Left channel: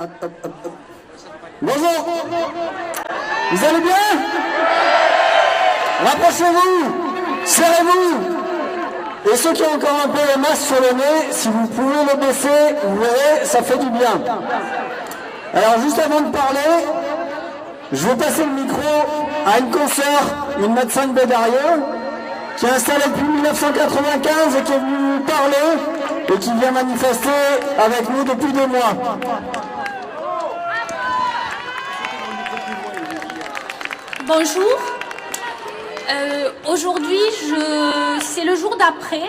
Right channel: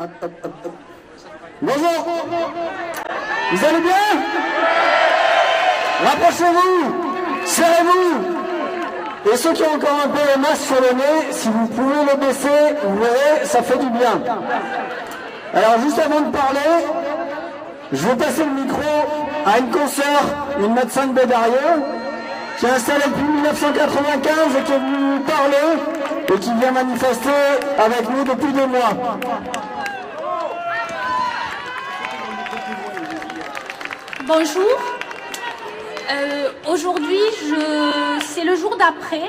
Bonjour. Vous allez bien? Rapprochez-vous, serrez-vous. Et ceux qui ont encore un peu la masse sur le nez, si vous pouvez le baisser, vous verrez, ça fait du bien. Alors juste avant de parler, je vais passer le micro à une consoeur, une médecin de Bédarieux, qui est installée depuis 1995 et qui est venue nous parler et qui vient manifester avec nous depuis 2 mois. Bonjour. Aujourd'hui, c'est le jour d'après.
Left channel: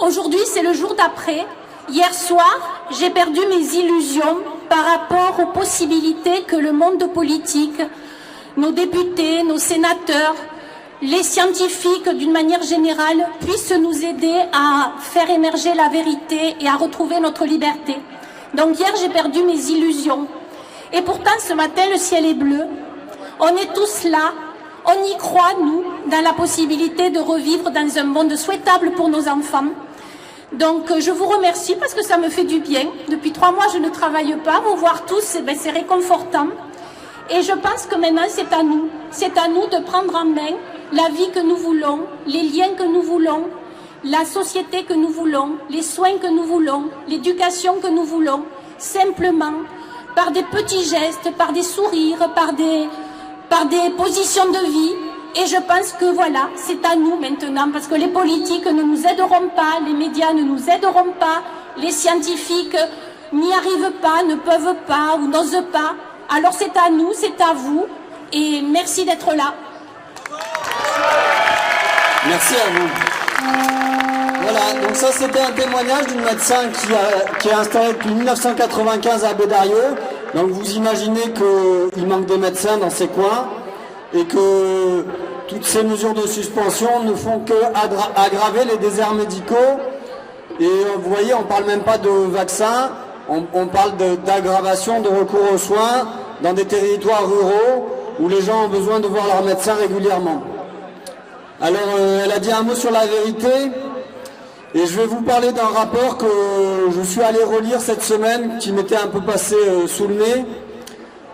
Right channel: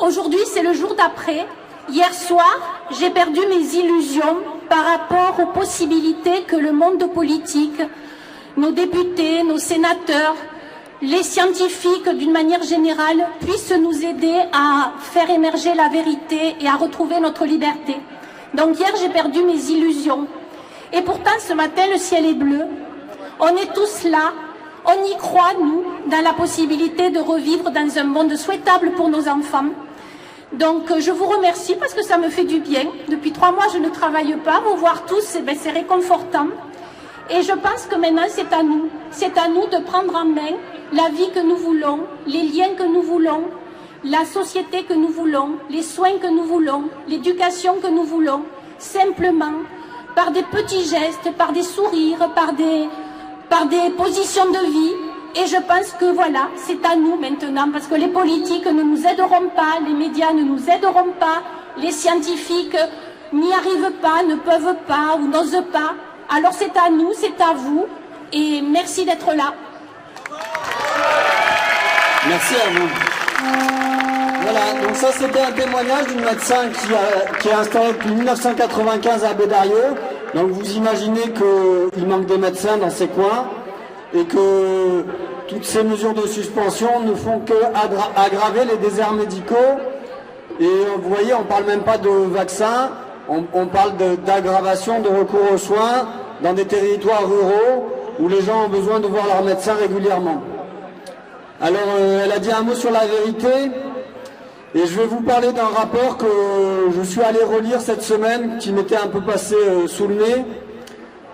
Aujourd'hui, c'est le jour d'après. Hier soir, j'ai perdu mes illusions par rapport aux possibilités que le monde politique, nos députés, nos sénateurs, les scientifiques d'une manière générale puissent nous aider à faire émerger la vérité et à retrouver notre liberté. Donc hier, j'ai perdu mes illusions. Et pourtant, ce matin, le ciel est bleu. On est tous là. On y croit, nous, dans la possibilité de revivre dans un monde souhaitable pour nos enfants. Donc, je vous remercie parce que ça me fait du bien. Depuis 3 mois, je ne travaille pas. Vous voir tous, c'est réconfortant. Et je pense que maintenant, c'est à nous. C'est à nous de prendre en main la vie que nous voulons, les liens que nous voulons, la société que nous voulons, les soins que nous voulons, l'éducation que nous voulons, simplement par des petits gestes, par des sourires, par des positions de vie. Et je pense que voilà, c'est à nous maintenant, parce que les politiques ne nous aideront pas, les médias ne nous aideront pas, les scientifiques n'y arrivent pas, ne peuvent pas ou n'osent pas. Alors c'est à nous, c'est à vous, et merci d'être là. Merci à vous. Voilà, donc ça c'était un témoignage d'une médecin qui est installée depuis 1995 à Bédarieux. Donc vous imaginez qu'il manque des médecins dans ces coins et que toutes ces mesures de suspension ne font qu'aggraver les déserts médicaux. Et vous voyez, on ne parle même pas de vaccins, on parle d'aggravation de recours aux soins dans des territoires ruraux où les gens ont besoin de voir leur médecin régulièrement. Alors, elle a dit un mot sur la vérité, et je vais vous parler d'un rapport que je suis allé relire cette semaine, qui m'était un peu passé sous le nez.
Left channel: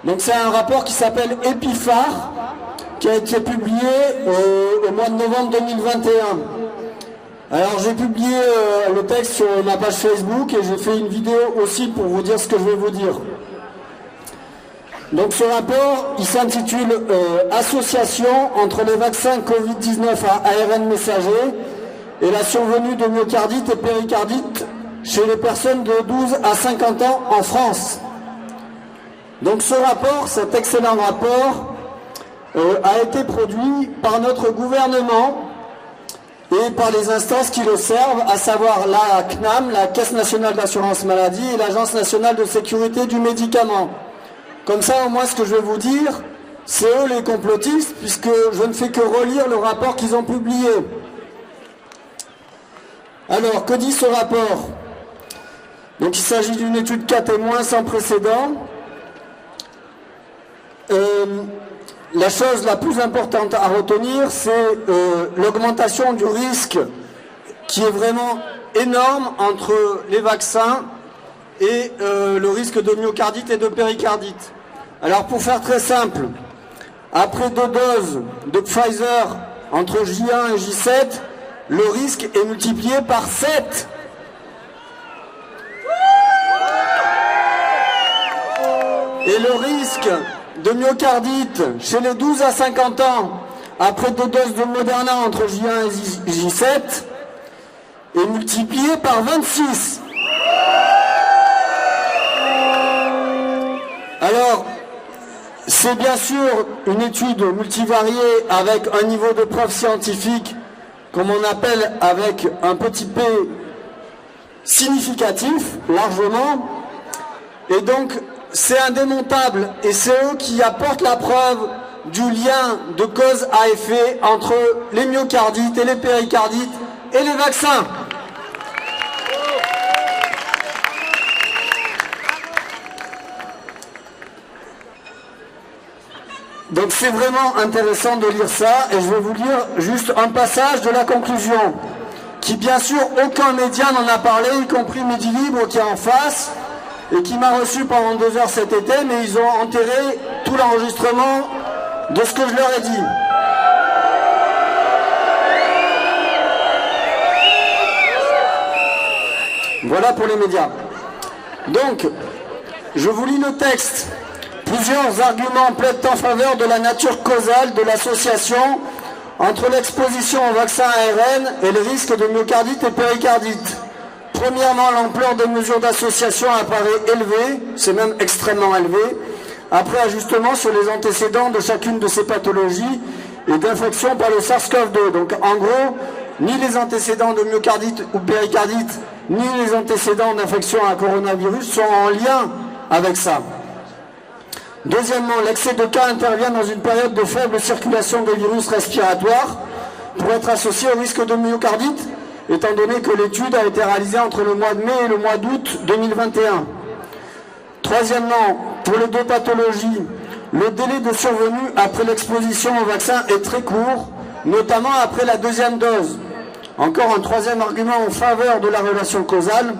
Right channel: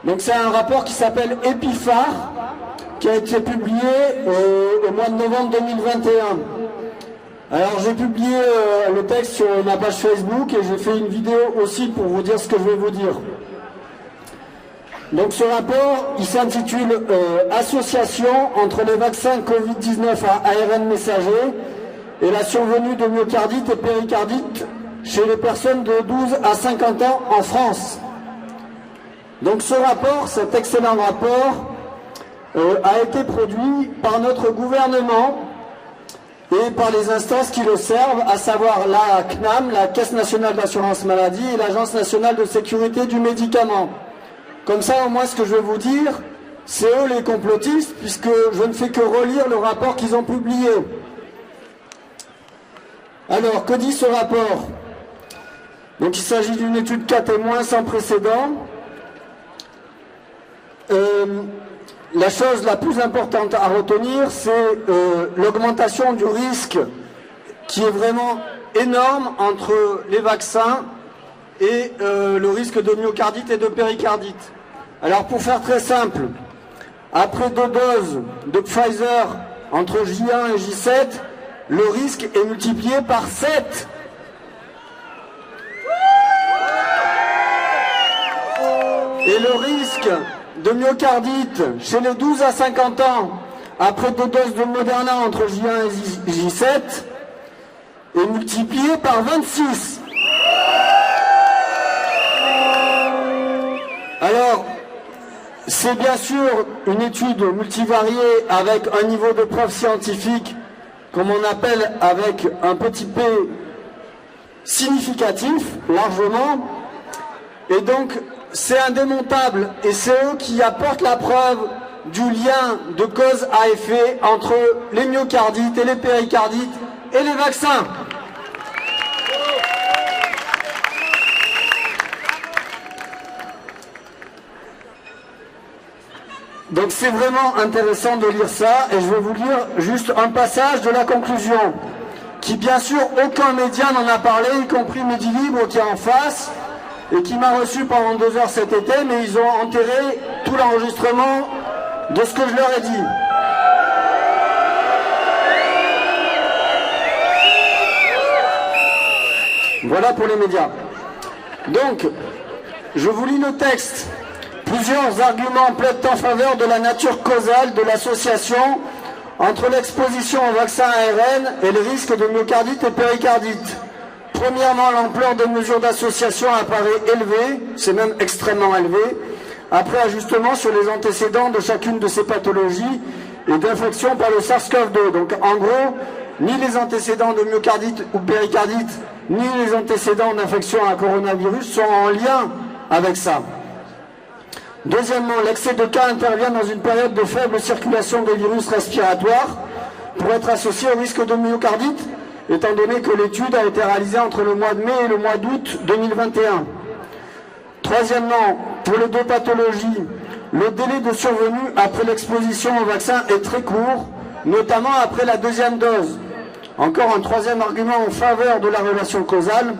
Donc c'est un rapport qui s'appelle Épiphare, qui a été publié au mois de novembre 2021. Alors j'ai publié le texte sur ma page Facebook, et j'ai fait une vidéo aussi pour vous dire ce que je vais vous dire. Donc ce rapport, il s'intitule Association entre les vaccins Covid-19 à ARN messager et la survenue de myocardite et péricardite chez les personnes de 12 à 50 ans en France. Donc ce rapport, cet excellent rapport, a été produit par notre gouvernement et par les instances qui le servent, à savoir la CNAM, la Caisse nationale d'assurance maladie, et l'Agence nationale de sécurité du médicament. Comme ça, moi, ce que je vais vous dire, c'est eux les complotistes, puisque je ne fais que relire le rapport qu'ils ont publié. Alors, que dit ce rapport? Donc, il s'agit d'une étude cas témoin sans précédent. La chose la plus importante à retenir, c'est l'augmentation du risque qui est vraiment énorme entre les vaccins et le risque de myocardite et de péricardite. Alors pour faire très simple, après 2 doses de Pfizer entre J1 et J7, le risque est multiplié par 7. Et le risque de myocardite chez les 12 à 50 ans, après 2 doses de Moderna entre J1 et J7, est multiplié par 26. Alors, c'est bien sûr une étude multivariée avec un niveau de preuve scientifique, comme on appelle, avec un petit p significatif, largement, et donc c'est indémontable, et c'est eux qui apportent la preuve du lien de cause à effet entre les myocardites et les péricardites et les vaccins. Donc c'est vraiment intéressant de lire ça, et je vais vous lire juste un passage de la conclusion, qui bien sûr aucun média n'en a parlé, y compris Midi Libre qui est en face, et qui m'a reçu pendant 2 heures cet été, mais ils ont enterré tout l'enregistrement de ce que je leur ai dit. Voilà pour les médias. Donc, je vous lis le texte. Plusieurs arguments plaident en faveur de la nature causale de l'association entre l'exposition au vaccin ARN et le risque de myocardite et péricardite. Premièrement, l'ampleur des mesures d'association apparaît élevée, c'est même extrêmement élevé, après ajustement sur les antécédents de chacune de ces pathologies et d'infection par le SARS-CoV-2. Donc en gros, ni les antécédents de myocardite ou péricardite, ni les antécédents d'infection à coronavirus sont en lien avec ça. Deuxièmement, l'excès de cas intervient dans une période de faible circulation des virus respiratoires pour être associé au risque de myocardite, étant donné que l'étude a été réalisée entre le mois de mai et le mois d'août 2021. Troisièmement, pour les 2 pathologies, le délai de survenue après l'exposition au vaccin est très court, notamment après la 2e dose. Encore un 3e argument en faveur de la relation causale.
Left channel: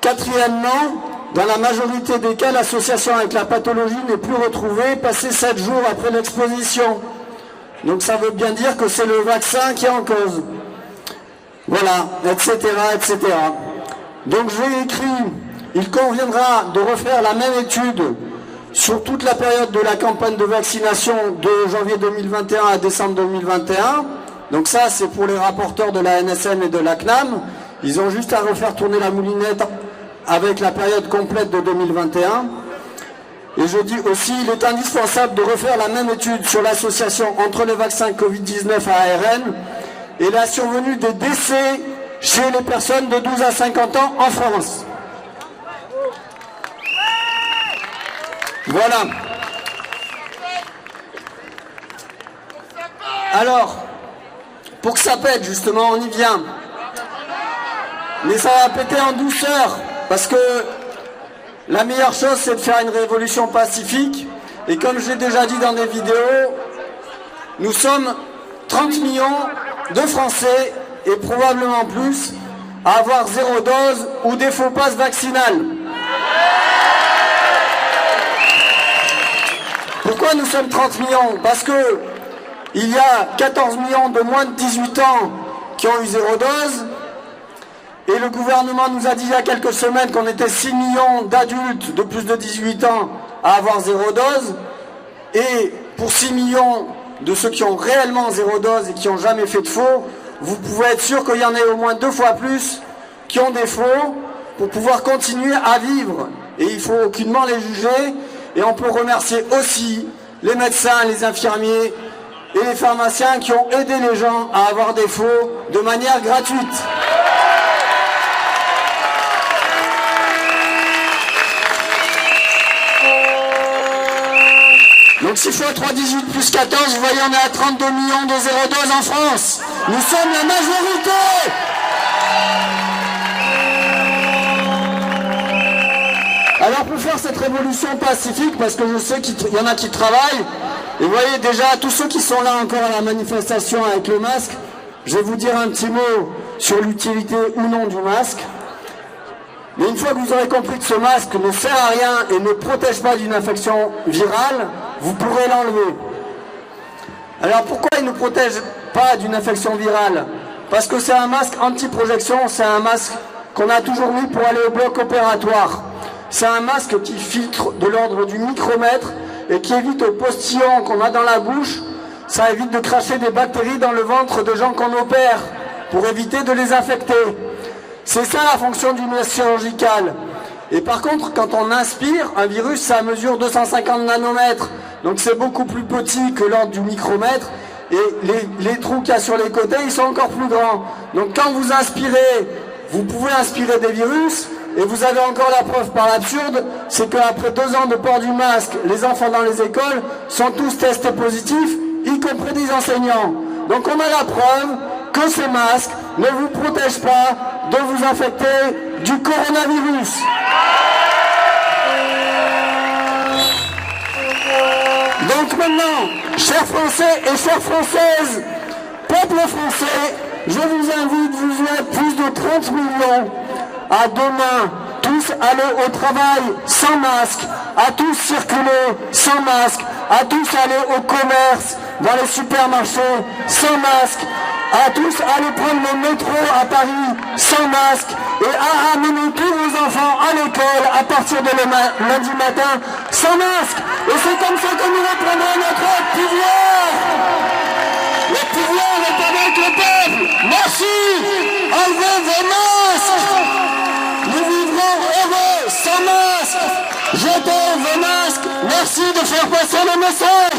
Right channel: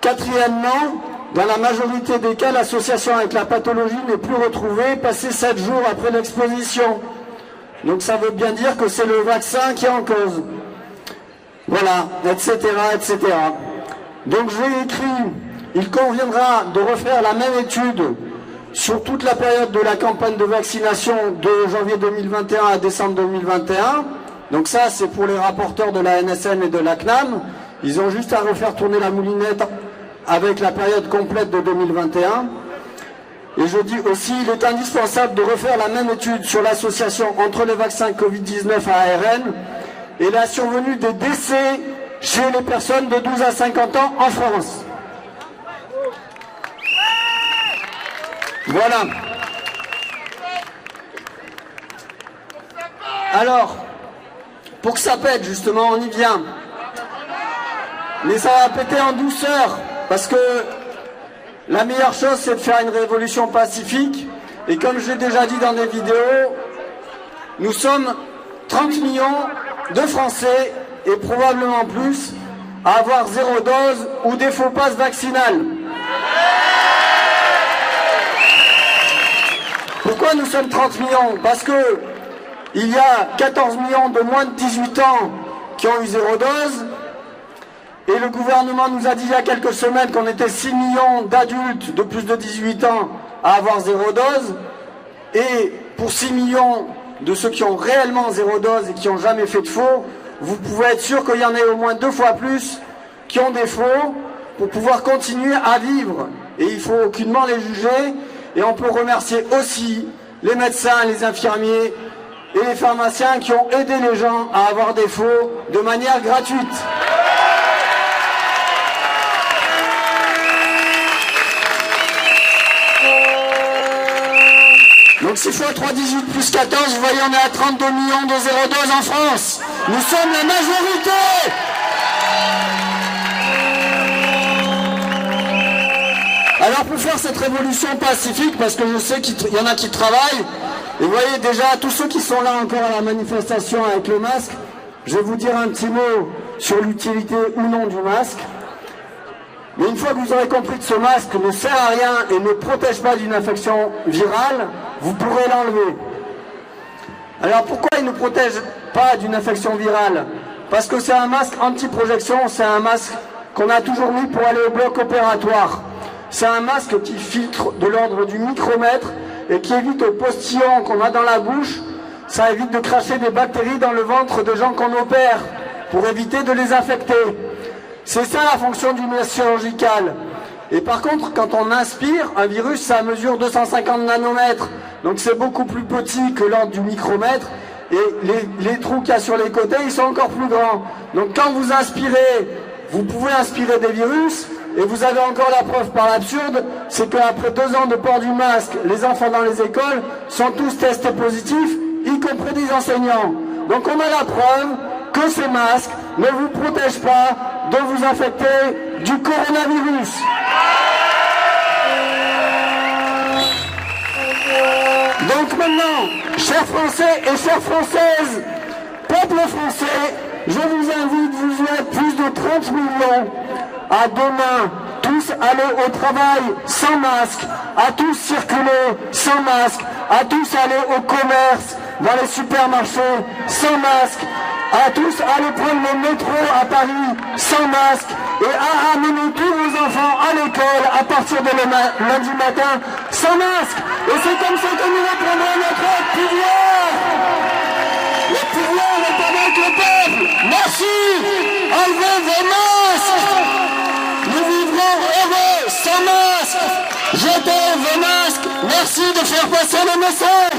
Quatrièmement, dans la majorité des cas, l'association avec la pathologie n'est plus retrouvée passé 7 jours après l'exposition. Donc ça veut bien dire que c'est le vaccin qui est en cause. Voilà, etc., etc. Donc j'ai écrit, il conviendra de refaire la même étude sur toute la période de la campagne de vaccination de janvier 2021 à décembre 2021. Donc ça, c'est pour les rapporteurs de la NSM et de la CNAM. Ils ont juste à refaire tourner la moulinette avec la période complète de 2021. Et je dis aussi, il est indispensable de refaire la même étude sur l'association entre le vaccin Covid-19 à ARN et la survenue des décès chez les personnes de 12 à 50 ans en France. Voilà. Alors, pour que ça pète, justement, on y vient. Mais ça va péter en douceur, parce que la meilleure chose, c'est de faire une révolution pacifique. Et comme je l'ai déjà dit dans des vidéos, nous sommes 30 millions de Français, et probablement plus, à avoir 0 dose ou des faux passes vaccinales. Pourquoi nous sommes 30 millions? Parce que il y a 14 millions de moins de 18 ans qui ont eu 0 dose, et le gouvernement nous a dit il y a quelques semaines qu'on était 6 millions d'adultes de plus de 18 ans à avoir 0 dose, et pour 6 millions de ceux qui ont réellement 0 dose et qui n'ont jamais fait de faux, vous pouvez être sûr qu'il y en ait au moins 2 fois plus qui ont des faux pour pouvoir continuer à vivre. Et il ne faut aucunement les juger. Et on peut remercier aussi les médecins, les infirmiers et les pharmaciens qui ont aidé les gens à avoir des faux de manière gratuite. Donc si je fais 3,18 plus 14, vous voyez, on est à 32 millions de 0 doses en France. Nous sommes la majorité. Alors pour faire cette révolution pacifique, parce que je sais qu'il y en a qui travaillent, et vous voyez déjà tous ceux qui sont là encore à la manifestation avec le masque, je vais vous dire un petit mot sur l'utilité ou non du masque. Mais une fois que vous aurez compris que ce masque ne sert à rien et ne protège pas d'une infection virale, vous pourrez l'enlever. Alors pourquoi il ne protège pas d'une infection virale? Parce que c'est un masque anti-projection, c'est un masque qu'on a toujours mis pour aller au bloc opératoire. C'est un masque qui filtre de l'ordre du micromètre et qui évite au postillon qu'on a dans la bouche. Ça évite de cracher des bactéries dans le ventre de gens qu'on opère pour éviter de les infecter. C'est ça la fonction du masque chirurgical. Et par contre, quand on inspire, un virus, ça mesure 250 nanomètres. Donc c'est beaucoup plus petit que l'ordre du micromètre. Et les trous qu'il y a sur les côtés, ils sont encore plus grands. Donc quand vous inspirez, vous pouvez inspirer des virus. Et vous avez encore la preuve par l'absurde, c'est qu'après 2 ans de port du masque, les enfants dans les écoles sont tous testés positifs, y compris des enseignants. Donc on a la preuve que ces masques ne vous protègent pas de vous infecter du coronavirus. Donc maintenant, chers Français et chères Françaises, peuple français, je vous invite, vous êtes plus de 30 millions, à demain, tous tous aller au travail sans masque, à tous circuler sans masque, à tous aller au commerce, dans les supermarchés sans masque, à tous aller prendre le métro à Paris sans masque et à amener tous vos enfants à l'école à partir de lundi matin sans masque. Et c'est comme ça que nous reprenons notre pouvoir. Le pouvoir est avec le peuple. Merci. Enlevez vos masques. Nous vivrons heureux sans masque. Jetez vos masques. Merci de faire passer le message.